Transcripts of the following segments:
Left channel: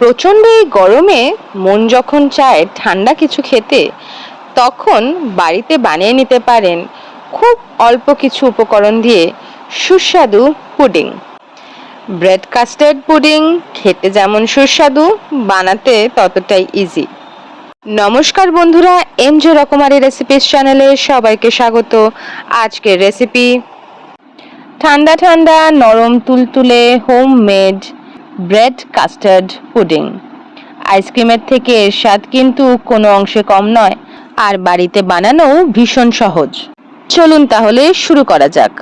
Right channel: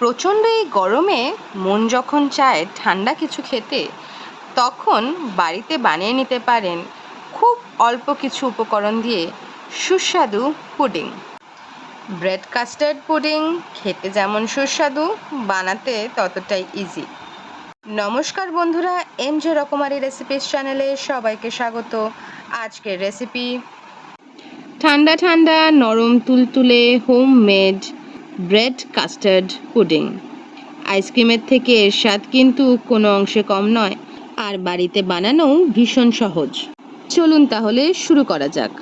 প্রচণ্ড এই গরমে মন যখন চায় ঠান্ডা কিছু খেতে, তখন বাড়িতে বানিয়ে নিতে পারেন খুব অল্প কিছু উপকরণ দিয়ে সুস্বাদু পুডিং। ব্রেড কাস্টার্ড পুডিং খেতে যেমন সুস্বাদু, বানাতে ততটাই ইজি নমস্কার বন্ধুরা এম জে রকমারি রেসিপিস চ্যানেলে সবাইকে স্বাগত। আজকের রেসিপি ঠান্ডা ঠান্ডা নরম তুলতুলে homemade bread custard pudding. আইসক্রিমের থেকে এর স্বাদ কিন্তু কোনো অংশে কম নয়, আর বাড়িতে বানানো ভীষণ সহজ। চলুন তাহলে শুরু করা যাক।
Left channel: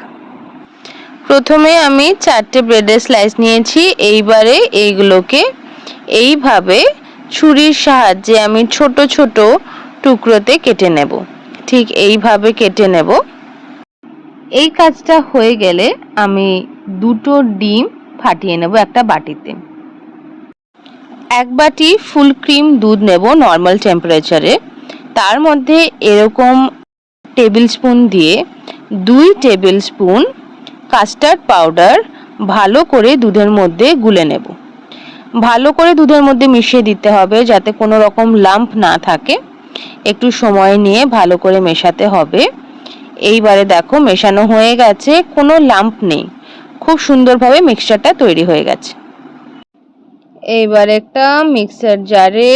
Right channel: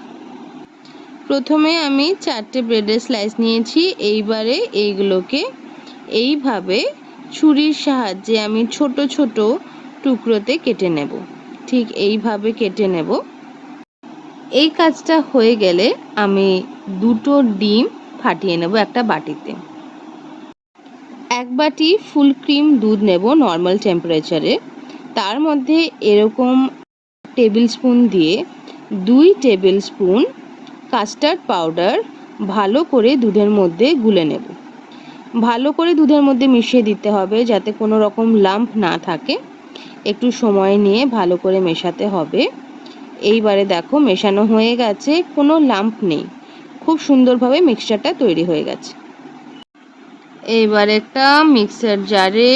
প্রথমে আমি চারটে ব্রেডের স্লাইস নিয়েছি, এইবারে এইগুলোকে এইভাবে ছুরির সাহায্যে আমি ছোট ছোট টুকরোতে কেটে নেব। ঠিক এইভাবে কেটে নেব। এই কাজটা হয়ে গেলে আমি দুটো ডিম ফাটিয়ে নেব একটা বাটিতে। এক বাটি ফুল ক্রিম দুধ নেব নর্মাল টেম্পারেচারে তার মধ্যে এরকম টেবিল স্পুন দিয়ে দুই টেবিল স্পুন কাস্টার্ড পাউডার ভালো করে দুধের মধ্যে গুলে নেব। ভালো করে দুধের মধ্যে মিশিয়ে দিতে হবে যাতে কোনো রকম লাম্প না থাকে। একটু সময় নিয়ে ভালো করে মেশাতে হবে। এইবারে দেখো মেশানো হয়ে গেছে, কোনো লাম্প নেই। খুব সুন্দরভাবে মিক্সচারটা তৈরি হয়ে গেছে। এইবার একটা মিক্সার জারে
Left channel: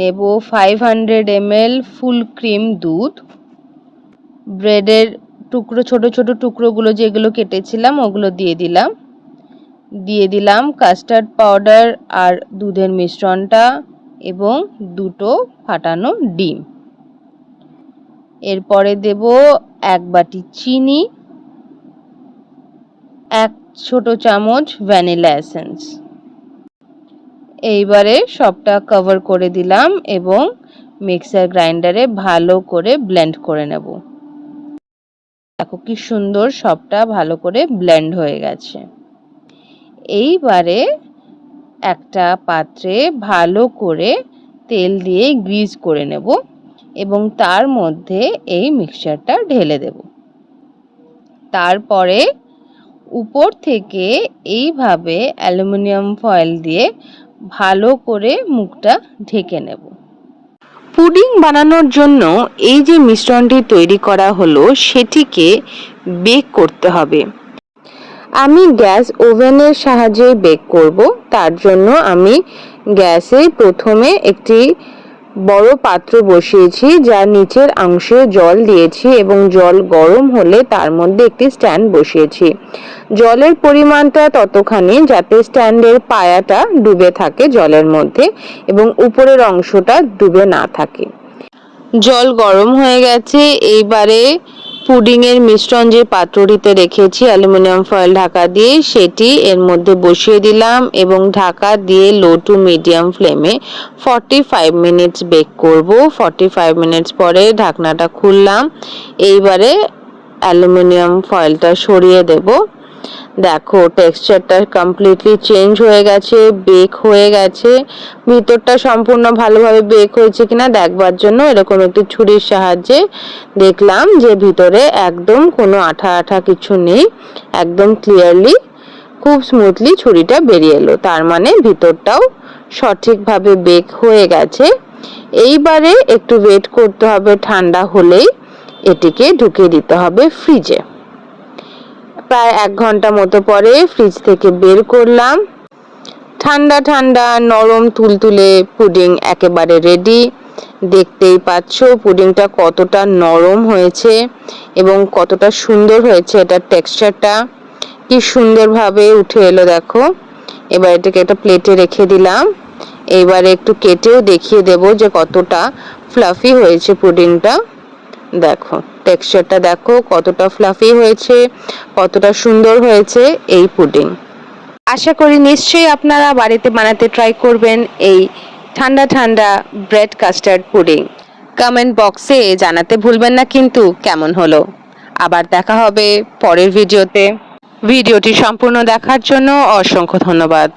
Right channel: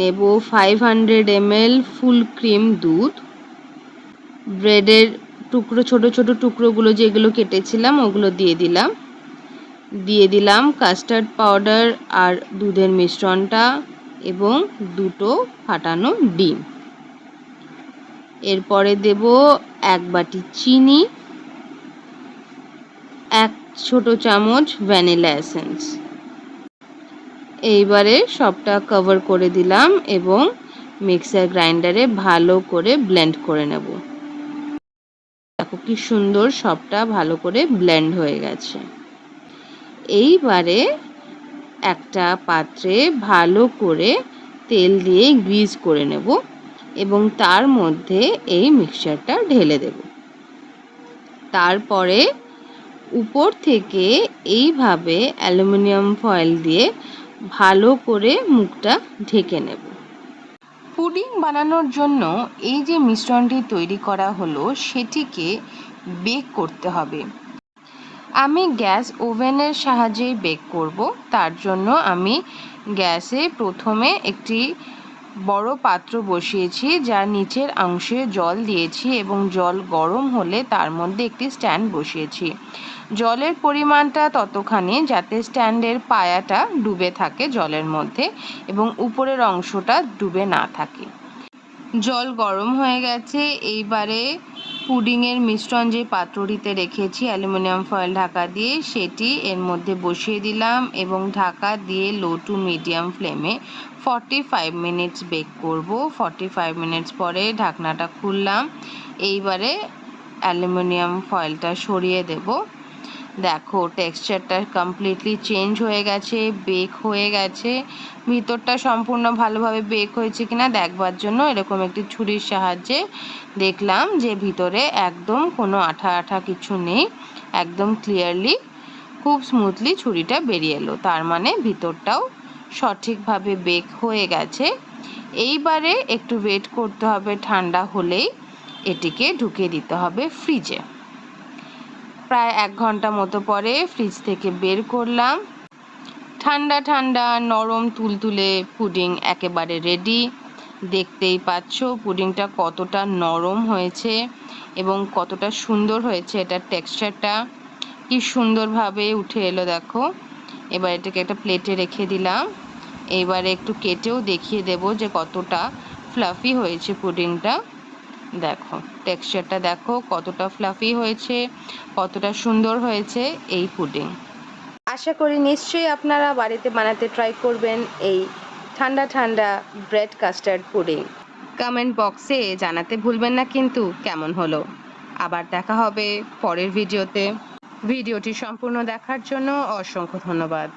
নেব five hundred ML full cream দুধ। ব্রেডের টুকরো, ছোট ছোট টুকরোগুলো যেগুলো কেটেছিলাম, ওগুলো দিয়ে দিলাম। দিয়ে দিলাম কাস্টার্ড পাউডার আর দুধের মিশ্রণটা এবং দুটো ফাটানো ডিম। এরপরে দেব এক বাটি চিনি। এক ছোট চামচ ভ্যানিলা এসেন্স। এইবারে সবটা কভার করে দিলাম এবং মিক্সার গ্রাইন্ডারে ভালো করে ব্লেন্ড করে নেব। দেখো কি সুন্দর সবটা ভালো করে ব্লেন্ড হয়ে গেছে। এইবারে একটা পাত্রে ভালো করে তেল দিয়ে গ্রিজ করে নেব এবং তার মধ্যে এই মিক্সচারটা ঢেলে দেব। তারপরে উপর থেকে এইভাবে অ্যালুমিনিয়াম ফয়েল দিয়ে ভালো করে মুখটা ঢেকে নেব। পুডিং বানানোর জন্য এই যে মিশ্রণটি তৈরি করা হলো, সেটিকে বেক করতে হবে। আমি গ্যাস ওভেনের সাহায্যে বেক করব। তার জন্য আমি গ্যাসে প্রথমে একটি বড় পাত্র বসিয়েছি, যার নিচের অংশে জল দিয়েছি এবং জল গরম হলে তার মধ্যে একটি স্ট্যান্ড বসিয়েছি। জলের পরিমাণটা ততখানি যাতে স্ট্যান্ডের পায়াটা ডুবে থাকে জলের মধ্যে এবং উপরের অংশটা ডুবে না থাকে। জল গরম হয়ে গেছে, এইবারে পুডিংয়ের মিশ্রণ যে পাত্রটিতে রেখেছি, অ্যালুমিনিয়াম ফয়েল ঢাকা দিয়ে, সেটি এর মধ্যে বসিয়ে দিলাম এবং ঢাকা দিয়ে লো টু মিডিয়াম ফ্লেমে ফর্টি ফাইভ মিনিটস বেক করব। ফর্টি ফাইভ মিনিটস পরে ঢাকনাটা খুললাম, এইবারে অ্যালুমিনিয়াম ফয়েলটা সরিয়ে দেবো। দেখো টেক্সচারটা কমপ্লিটলি চেঞ্জ হয়ে গেছে বেক হয়ে গেছে। ভিতরটা সম্পূর্ণ ভালোভাবে বেক হয়েছে কিনা দেখবার জন্য এরকম একটি ছুরির সাহায্যে দেখলাম যে ভিতরে একদম কোনো আঠা আঠা কিছু নেই, একদম ক্লিয়ারলি খুব স্মুথলি ছুরিটা বেরিয়ে এলো। তার মানে ভিতরটাও সঠিকভাবে বেক হয়ে গেছে। এইবারে একটু ওয়েট করতে হবে, ঠান্ডা হলেই এটিকে ঢুকিয়ে দিতে হবে ফ্রিজে প্রায় এক ঘণ্টা মতো পরে ফ্রিজ থেকে বের করলাম। ঠান্ডা ঠান্ডা, নরম, তুলতুলে পুডিং একেবারে রেডি দেখতেই পাচ্ছ পুডিংটা কতটা নরম হয়েছে এবং কতটা সুন্দর হয়েছে এটার টেক্সচারটা কি সুন্দরভাবে উঠে এলো দেখো। এবার এটাকে একটা প্লেটে রেখে দিলাম। এবারে একটু কেটেও দেখিয়ে দেব যে কতটা ফ্লাফি হয়েছে পুডিংটা দেখো। টেক্সচারটা দেখো, কতটা ফ্লাফি হয়েছে, কতটা সুন্দর হয়েছে এই পুডিং আশা করি নিশ্চয়ই আপনারা বাড়িতে বানাতে ট্রাই করবেন এই ঠান্ডা ঠান্ডা ব্রেড কাস্টার্ড পুডিং কমেন্ট বক্সে জানাতে ভুলবেন না কিন্তু কেমন হলো। আবার দেখা হবে পরের ভিডিওতে ভিডিওটি সম্পূর্ণ দেখার জন্য অসংখ্য ধন্যবাদ।